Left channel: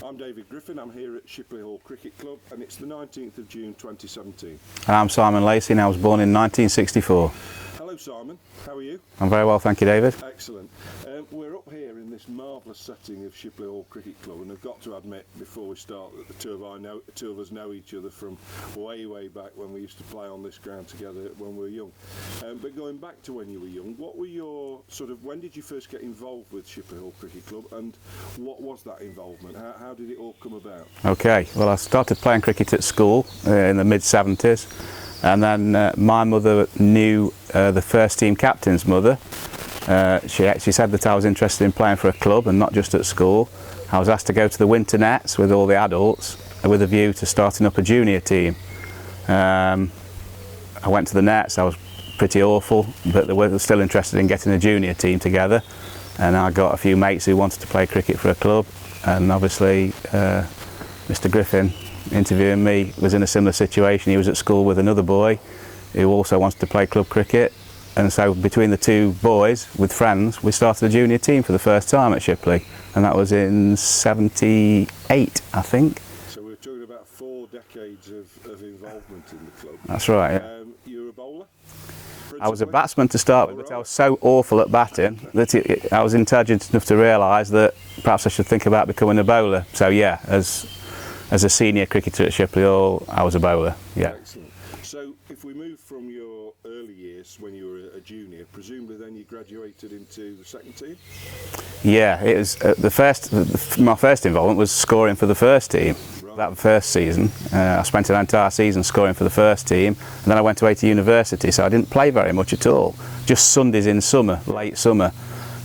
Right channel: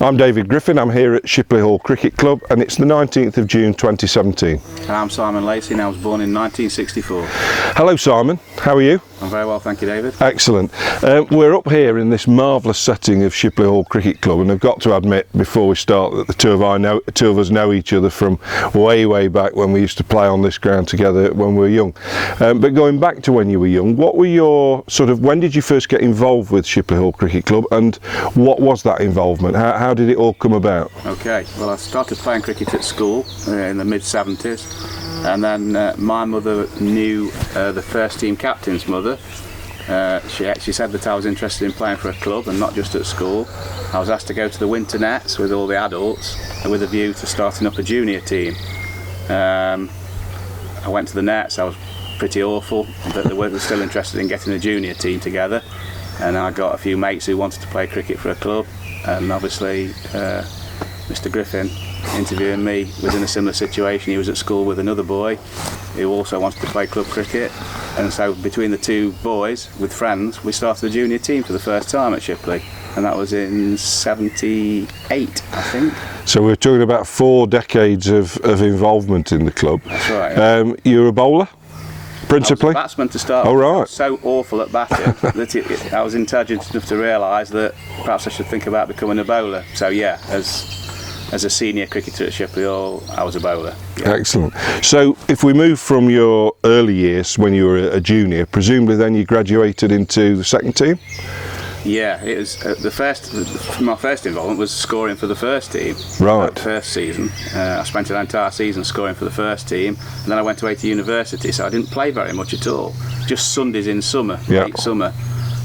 I'm David Griffin, I'm here at Shipley Hall Cricket Club and it's the 19th of June 2017. I'm Simon Lacey and I was born in 1964. Hello Simon, how are you? I'm very well, thank you David. Excellent. We're up here in this marvellous setting of Shipley Hall Cricket Club, and I've got to admit before we start that the two of us know each other from way back when we used to play on this ground together when we were young. But going back to when you were young, what were your when did you first get involved with Shipley Hall Cricket Club and what was that involvement? How did it all come about? Okay, well I started playing cricket at school in the mid-70s. And then my mother knew the first team captain's mother. She actually said that I was interested in playing for a club and not just at school. I was asked to go to the winter nets with all the adults with a view to starting up a junior team. I went to the nets, I was pretty awful, but they were still interested in getting a junior team together. And I got a few mates who wanted to play cricket for a club, and obviously Mr. Griffin interviewing me was in a similar situation. He was at school with another boy who also wanted to play club cricket, and so between the two boys with friends we started a junior team for the first time at Shipley, and that was in 78 I think. So we're talking about 4 decades of involvement in the club. That's right. Yeah. You're a bowler? Principally? I was a batsman to start. Oh, right. I was so awful at batting that I was intelligent enough to realise that perhaps I should think about becoming a bowler. So yeah, as a senior cricketer at Shipley Hall, I was a bowler. Yeah. Excellent. So if we move from your early years when you were a junior, presumably then you graduated into the second team? Yeah, it was my first involvement was scoring for the first team. Right. That first season. I spent an entire season scoring for the first team, and then I went away to university, so I didn't play very much at all. Just Sundays in summer, late summer.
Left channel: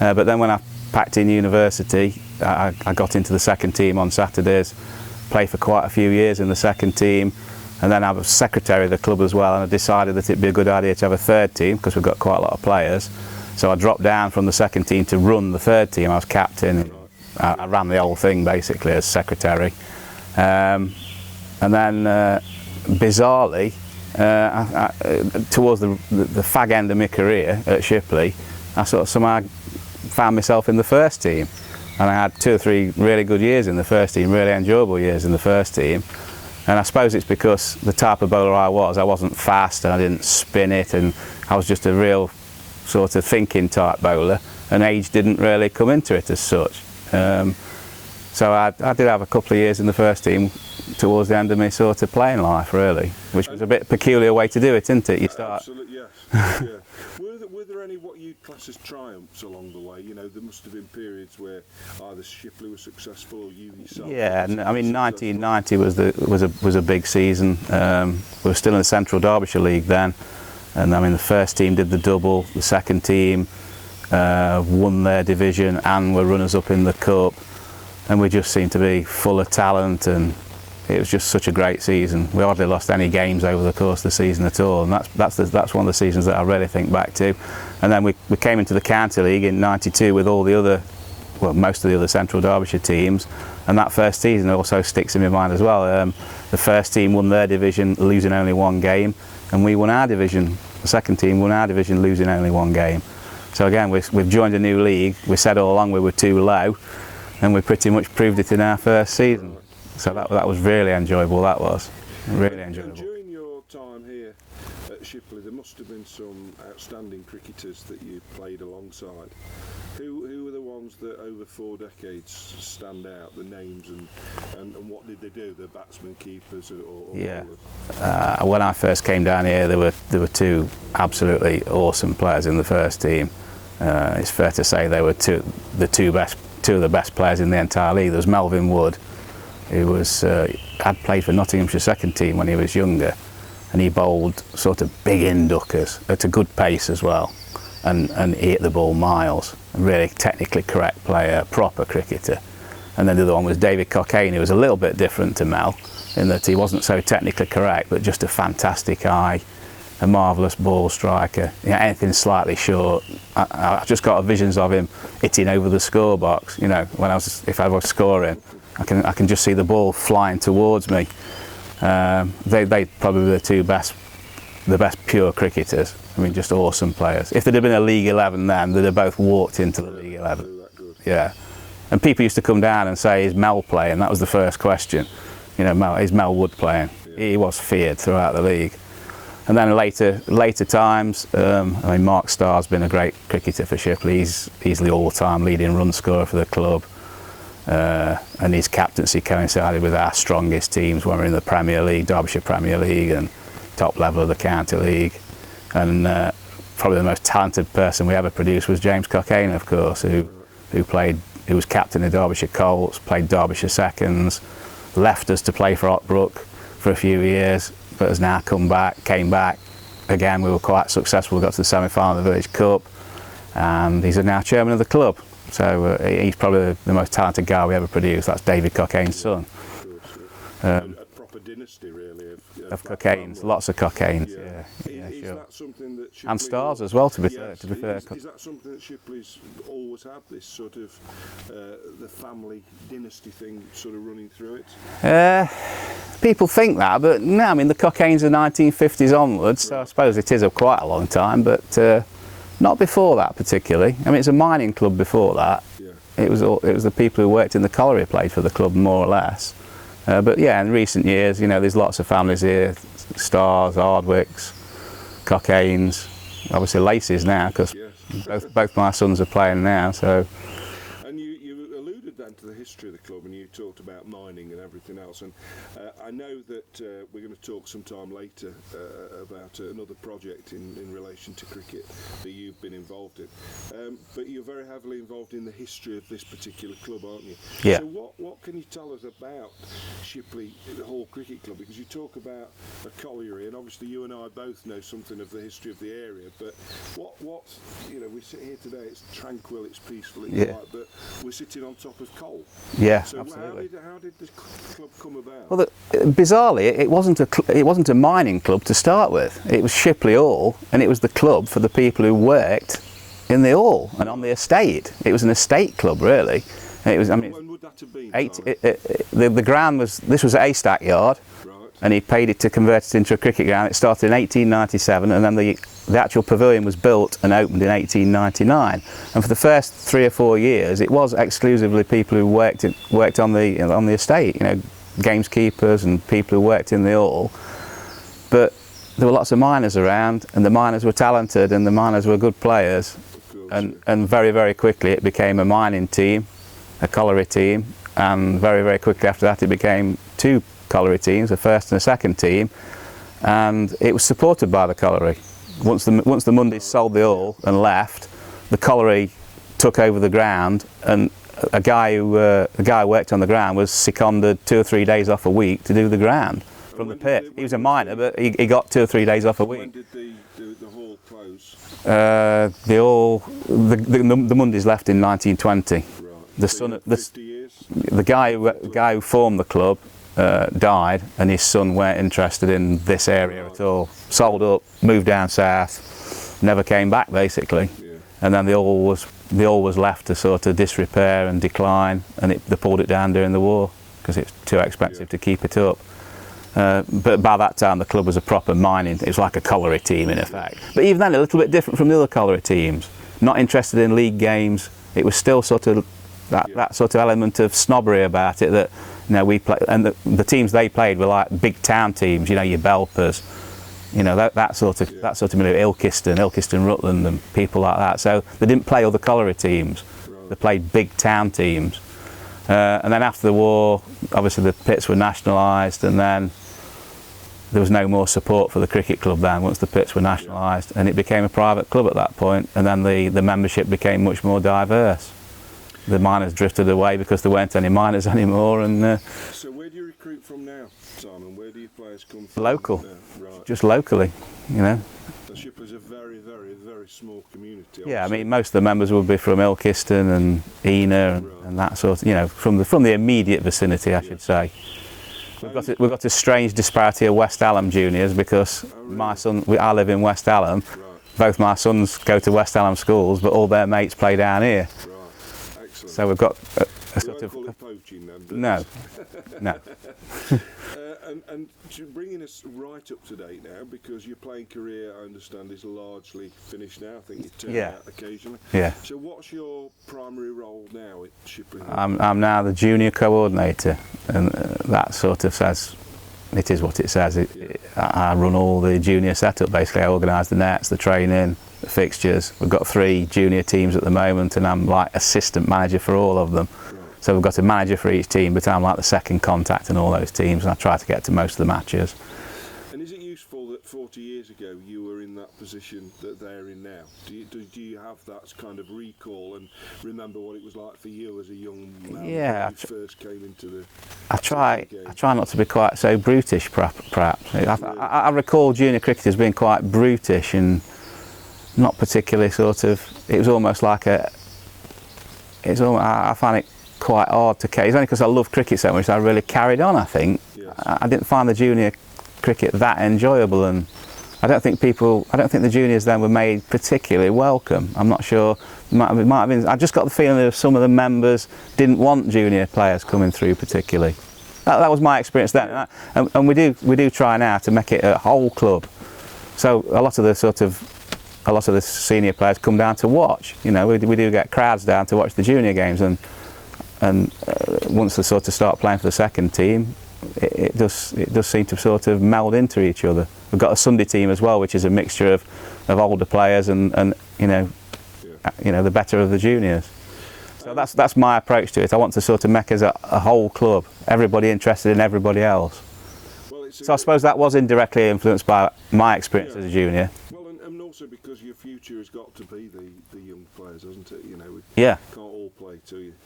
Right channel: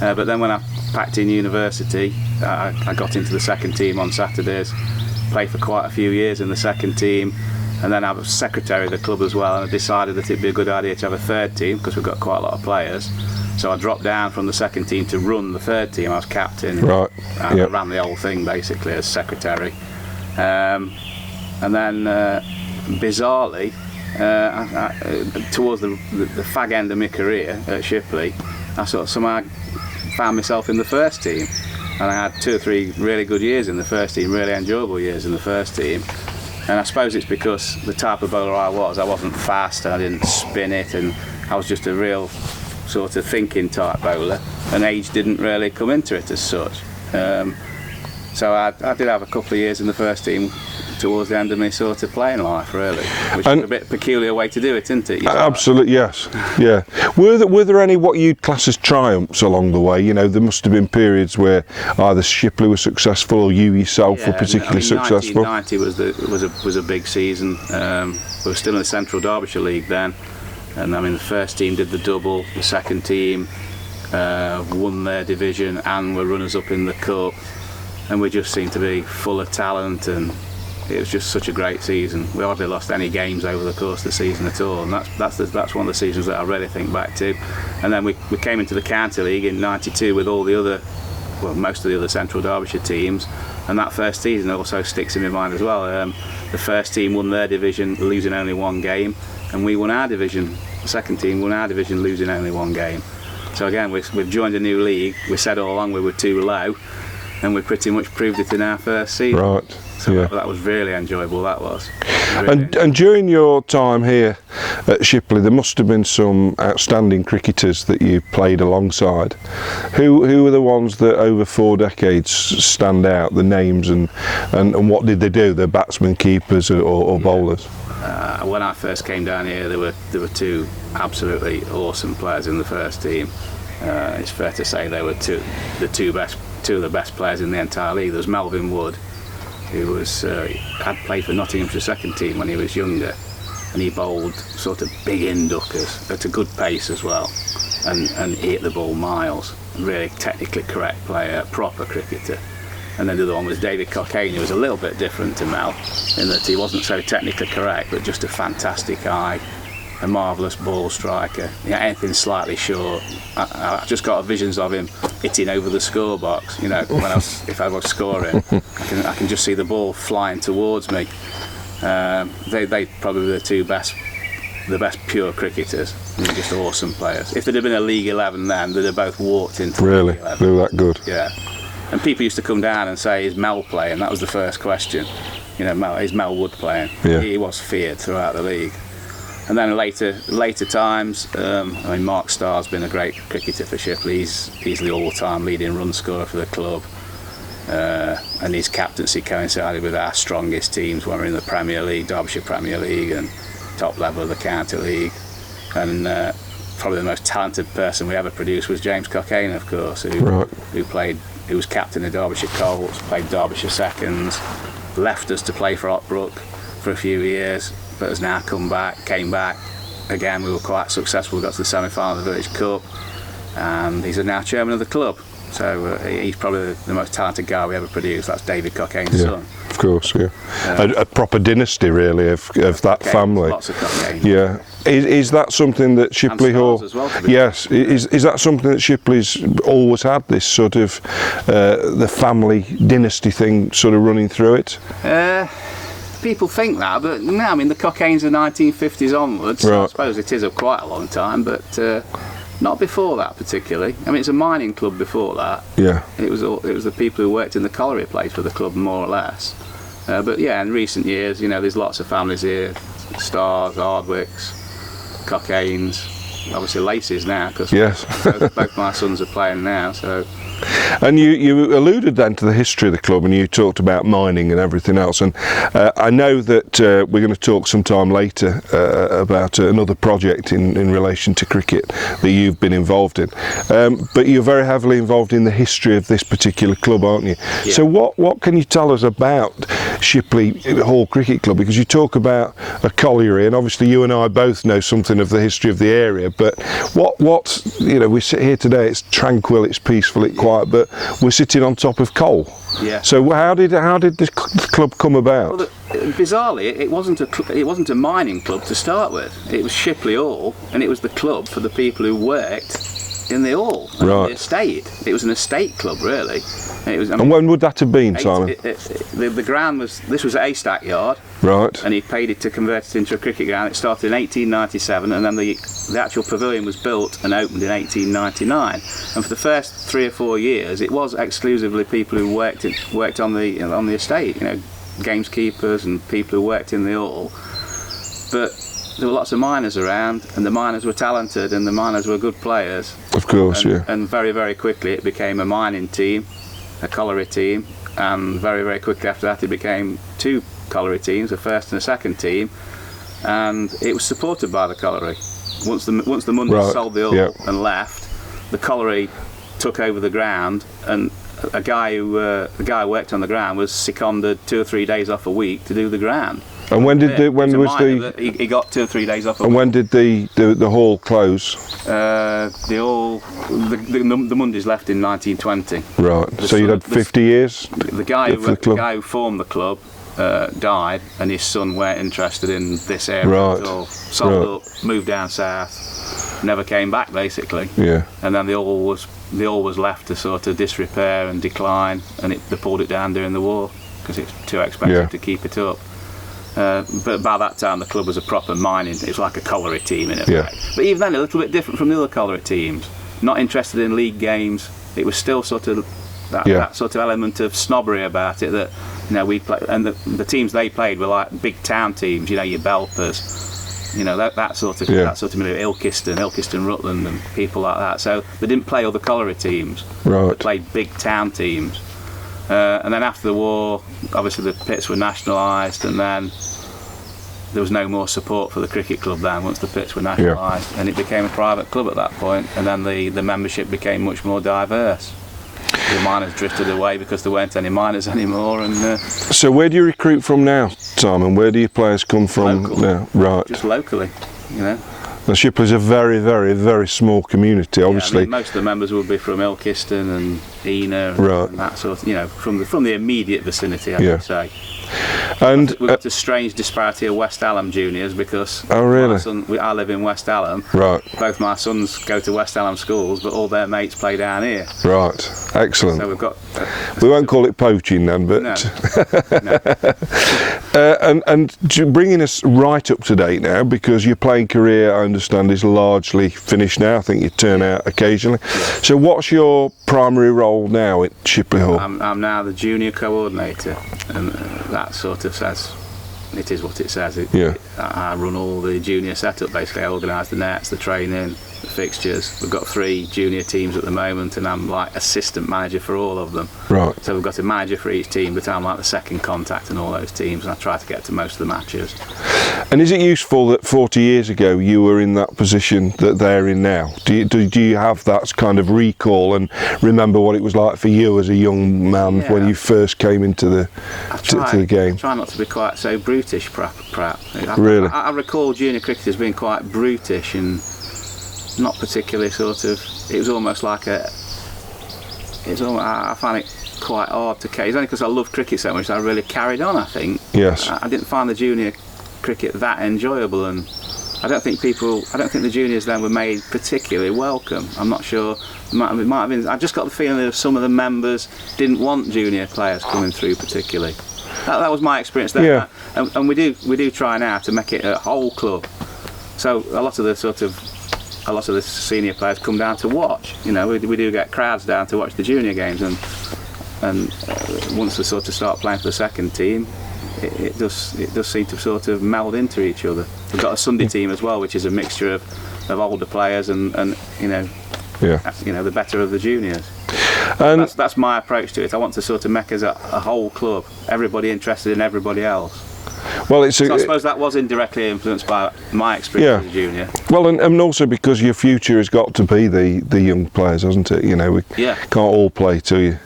But then when I packed in university, I got into the second team on Saturdays, played for quite a few years in the second team, and then I was secretary of the club as well, and I decided that it'd be a good idea to have a third team because we've got quite a lot of players. So I dropped down from the second team to run the third team. I was captain. Right. I ran the whole thing basically as secretary. And then bizarrely, towards the fag end of my career at Shipley, I sort of somehow found myself in the first team. And I had 2 or 3 really good years in the first team, really enjoyable years in the first team. And I suppose it's because the type of bowler I wasn't fast and I didn't spin it, and I was just a real sort of thinking type bowler, and age didn't really come into it as such. So I did have a couple of years in the first team towards the end of my sort of playing life, really, which is a bit peculiar way to do it, isn't it? Absolutely, yes. Yeah. Were there any what you'd class as triumphs along the way? You know, there must have been periods where either Shipley was successful or you yourself were particularly successful. 1990 was a big season. We were still in the Central Derbyshire League then. And I mean, the first team did the double, the second team won their division and were runners-up in the cup, and we just seemed to be full of talent, and it was just such a great season. We hardly lost any games over the course of the season at all, and that's one of the seasons that I really think back to. And then we came into the County League in '92 with all the other, well, most of the other Central Derbyshire teams, and that first season also sticks in my mind as well. The first team won their division, losing only 1 game, and we won our division. The second team won our division, losing only 1 game. So again, we've joined a new league. We said all along we were too low, and we pretty much proved it in our first season. Right. So that was really enjoyable, that was. Really. And during your time here at Shipley, there must have been some outstanding cricketers that you played alongside. Who were the ones that over 4 decades stand out, the names, and what did they do? They're batsmen, keepers or bowlers? When I first came down here, there were 2 absolutely awesome players in the first team. It's fair to say they were two of the best players in the entire league. There was Melvin Wood, who had played for Nottinghamshire second team when he was younger, and he bowled sort of big in-duckers at a good pace as well, and he hit the ball miles. A really technically correct player, proper cricketer. And then the other one was David Cockayne, who was a little bit different to Mel, in that he wasn't so technically correct, but just a fantastic eye, a marvellous ball striker. You know, anything slightly short, I just got visions of him hitting over the score box. You know, if I was scoring, I can just see the ball flying towards me. They probably were the best pure cricketers. I mean, just awesome players. If there'd have been a League 11 then, they'd have both walked into the League 11. Really? They were that good? Yeah. And people used to come down and say, "Is Mel playing?" That was the first question. You know, is Mel Wood playing? Yeah. He was feared throughout the league. And then later times, I mean, Mark Starr's been a great cricketer for Shipley. He's the all-time leading run scorer for the club. And his captaincy coincided with our strongest teams when we were in the Premier League, Derbyshire Premier League, and top level of the County League. And probably the most talented person we ever produced was James Cockayne, of course, who was captain of Derbyshire Colts, played Derbyshire Seconds, left us to play for Otbrook for a few years, but has now came back. Again, we were quite successful, we got to the semi-final of the Village Cup, and he's now chairman of the club. So he's probably the most talented guy we ever produced. That's David Cockayne's son. Of course, yeah. A proper dynasty, really, of that family. Lots of Cockayne. Yeah. Is that something that Shipley Hall... as well, to be yes. Is that something that Shipley's always had, this sort of the family dynasty thing sort of running through it? People think that, but no, I mean, the Cockaynes are 1950s onwards, so I suppose it is quite a long time, but... not before that particularly. I mean, it's a mining club before that. Yeah. It was the people who worked in the colliery played for the club, more or less. But yeah, in recent years, you know, there's lots of families here: Starrs, Hardwicks, Cockaynes, obviously Lacey's now, because both my sons are playing now. So. And you alluded then to the history of the club, and you talked about mining and everything else, and I know that we're going to talk sometime later about another project in relation to cricket that you've been involved in, but you're very heavily involved in the history of this particular club, aren't you? Yeah. So what can you tell us about Shipley Hall Cricket Club, because you talk about a colliery, and obviously you and I both know something of the history of the area, but what you know, we sit here today, it's tranquil, it's peaceful, it's quiet, but we're sitting on top of coal. Yeah. So how did this club come about? Well, bizarrely, it wasn't a mining club to start with. It was Shipley Hall, and it was the club for the people who worked in the hall and on the estate. It was an estate club, really. It was, I mean, and when would that have been, Simon? The ground this was at Haystack Yard. Right. And he paid it to convert it into a cricket ground. It started in 1897, and then the actual pavilion was built and opened in 1899. And for the first 3 or 4 years, it was exclusively people who worked on the estate. You know, gameskeepers and people who worked in the hall. But there were lots of miners around, and the miners were talented, and the miners were good players. Of course, yeah. And very, very quickly it became a mining team, a colliery team, and very, very quickly after that it became 2 colliery teams, a first and a second team, and it was supported by the colliery. Once the Mondays sold the hall and left, the colliery took over the ground, and a guy who worked on the ground was seconded 2 or 3 days off a week to do the ground. And when did he got 2 or 3 days off a week. And when did the hall close? The Mondays left in 1920. Right. So you had 50 years. The guy who formed the club died, and his son weren't interested in this area at all. Sold up, moved down south, never came back basically. Yeah. And then the hall was left to sort of disrepair and decline, and they pulled it down during the war because it's too expensive to keep it up. But by that time the club was a proper mining, it was like a colliery team in effect. But even then a little bit different from the other colliery teams. Not interested in league games. It was still sort of that sort of element of snobbery about it, that, you know, we play, and the teams they played were like big town teams, you know, your Belpers, you know, that sort of Ilkeston, Rutland, and people like that. So they didn't play other colliery teams. They played big town teams. And then after the war, obviously the pits were nationalised, and then there was no more support for the cricket club then once the pits were nationalised, and it became a private club at that point, and then the membership became much more diverse. The miners drifted away because there weren't any miners anymore. And so where do you recruit from now, Simon? Where do your players come from now? Right. Just locally, you know. The Shipley's a very, very, very small community, obviously. Yeah, I mean, most of the members will be from Ilkeston and Ena and that sort of, you know, from the immediate vicinity, I would say. And we've got a strange disparity of West Hallam juniors, because I live in West Hallam. Right. Both my sons go to West Hallam schools, but all their mates play down here. Right. Excellent. So we've got. We won't call it poaching then, but. No. And bringing us right up to date now, because your playing career, I understand, is largely finished now. I think you turn out occasionally. Yeah. So what's your primary role role now at Shipley Hall? I'm now the junior coordinator, and that sort of says, it is what it says. I run all the junior setup, basically. I organise the nets, the training, the fixtures. We've got 3 junior teams at the moment, and I'm like assistant manager for all of them. Right. So we've got a manager for each team, but I'm like the second contact in all those teams, and I try to get to most of the matches. And is it useful that 40 years ago you were in that position that they're in now? Do you have that kind of recall and remember what it was like for you as a young man when you first came into the game? I try not to be quite so brutish, perhaps. Really? I recall junior cricket as being quite brutish and not particularly sort of. It was almost like I find it quite hard to carry. It's only because I love cricket so much that I really carried on, I think. Yes. I didn't find the junior cricket that enjoyable, and I don't think the juniors then were made particularly welcome. I'm not sure. It might have been. I just got the feeling that some of the members didn't want junior players coming through particularly. That was my experience then. Yeah. And we do try now to make it a whole club. So a lot of the senior players come down to watch. You know, we do get crowds down to watch the junior games, and once they sort of start playing for the second team, it does seem to sort of meld into each other. We've got a Sunday team as well, which is a mixture of older players and the better of the juniors. And that's my approach to it. I want to sort of make us a whole club, everybody interested in everybody else. Well, so I suppose that was indirectly influenced by my experience as a junior. Well, and also because your future has got to be the young players, hasn't it? You know, we can't all play till you.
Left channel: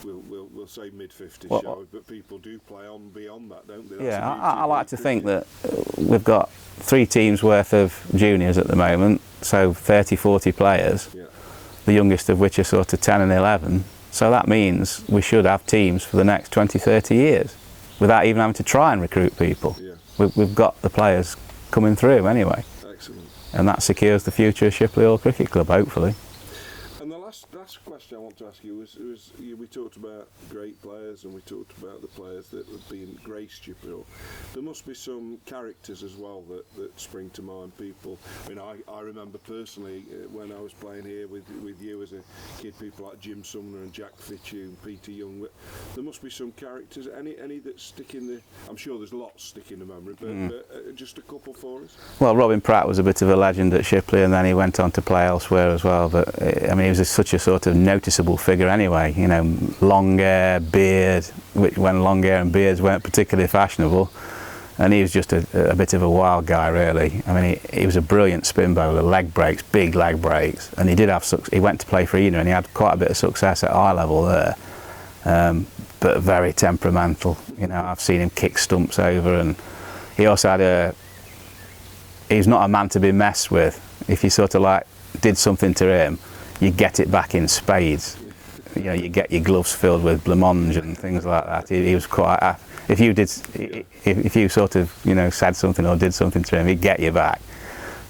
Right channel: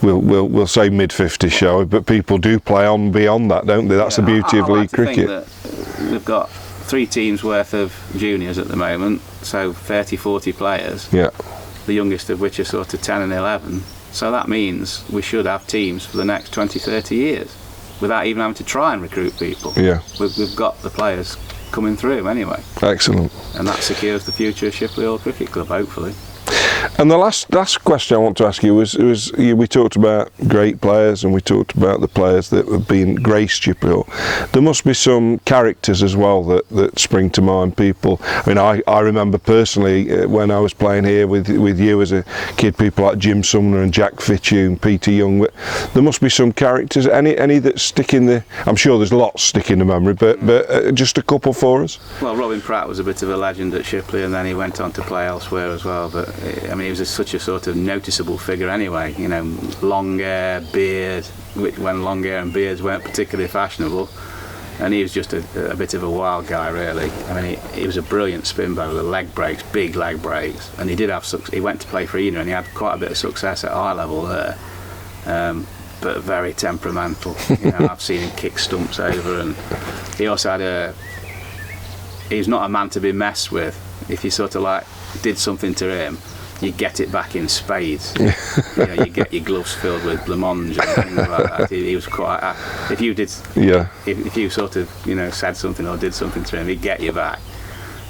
We'll say mid-50s, shall we? But people do play on beyond that, don't they? That's the beauty of league cricket. I think that we've got 3 teams worth of juniors at the moment, so 30, 40 players. Yeah. The youngest of which are sort of 10 and 11. So that means we should have teams for the next 20, 30 years, without even having to try and recruit people. Yeah. We've got the players coming through anyway. Excellent. And that secures the future of Shipley Hall Cricket Club, hopefully. And the last question I want to ask you was we talked about great players and we talked about the players that have been graced Shipley Hall. There must be some characters as well that spring to mind. People. I mean, I remember personally when I was playing here with you as a kid, people like Jim Sumner and Jack Fitchew and Peter Young. There must be some characters. Any that stick in the. I'm sure there's lots stick in the memory, but just a couple for us. Well, Robin Pratt was a bit of a legend at Shipley, and then he went on to play elsewhere as well. But I mean, he was such a sort of noticeable figure anyway. You know, long hair, beard, when long hair and beards weren't particularly fashionable, and he was just a bit of a wild guy, really. I mean, he was a brilliant spin bowler, leg breaks, big leg breaks, and he did have. He went to play for Eden, and he had quite a bit of success at eye level there. But very temperamental. You know, I've seen him kick stumps over, and he also had he's not a man to be messed with. If you sort of like did something to him, you get it back in spades. You know, you get your gloves filled with blancmange and things like that. He was quite. If you did, if you sort of said something or did something to him, he'd get you back.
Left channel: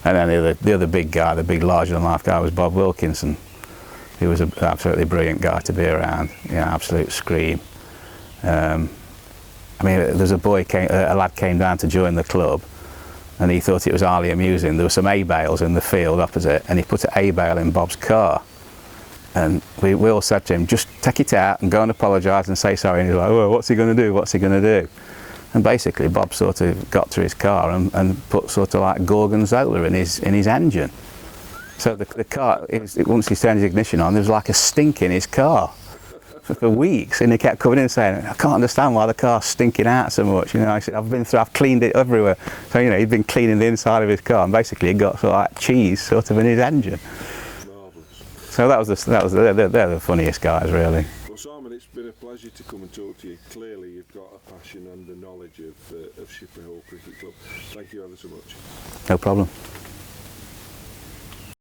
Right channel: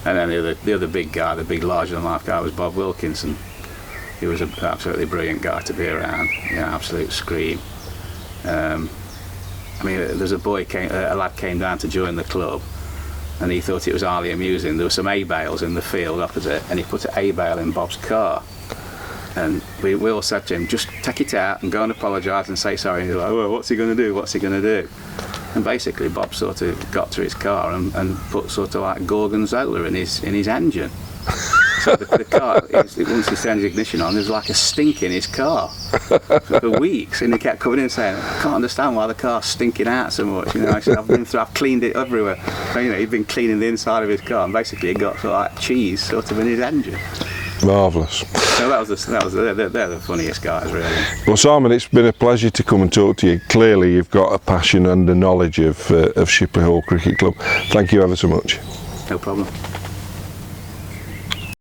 And then the other big guy, the big larger than life guy, was Bob Wilkinson. He was an absolutely brilliant guy to be around. Absolute scream. I mean, there's a lad came down to join the club, and he thought it was highly amusing. There were some A-bales in the field opposite, and he put an A-bale in Bob's car. And we all said to him, just take it out and go and apologise and say sorry. And he's like, oh, what's he going to do? What's he going to do? And basically Bob sort of got to his car and put sort of like Gorgonzola in his engine. So the car, once he turned his ignition on, there was like a stink in his car for weeks, and he kept coming in saying, "I can't understand why the car's stinking out so much." I said, I've cleaned it everywhere. So, he'd been cleaning the inside of his car, and basically it got sort of like cheese sort of in his engine. Marvellous. So they're the funniest guys, really. Well, Simon, it's been a pleasure to come and talk to you. Clearly, you've got a passion and a knowledge of Shipley Hall Cricket Club. Thank you ever so much. No problem.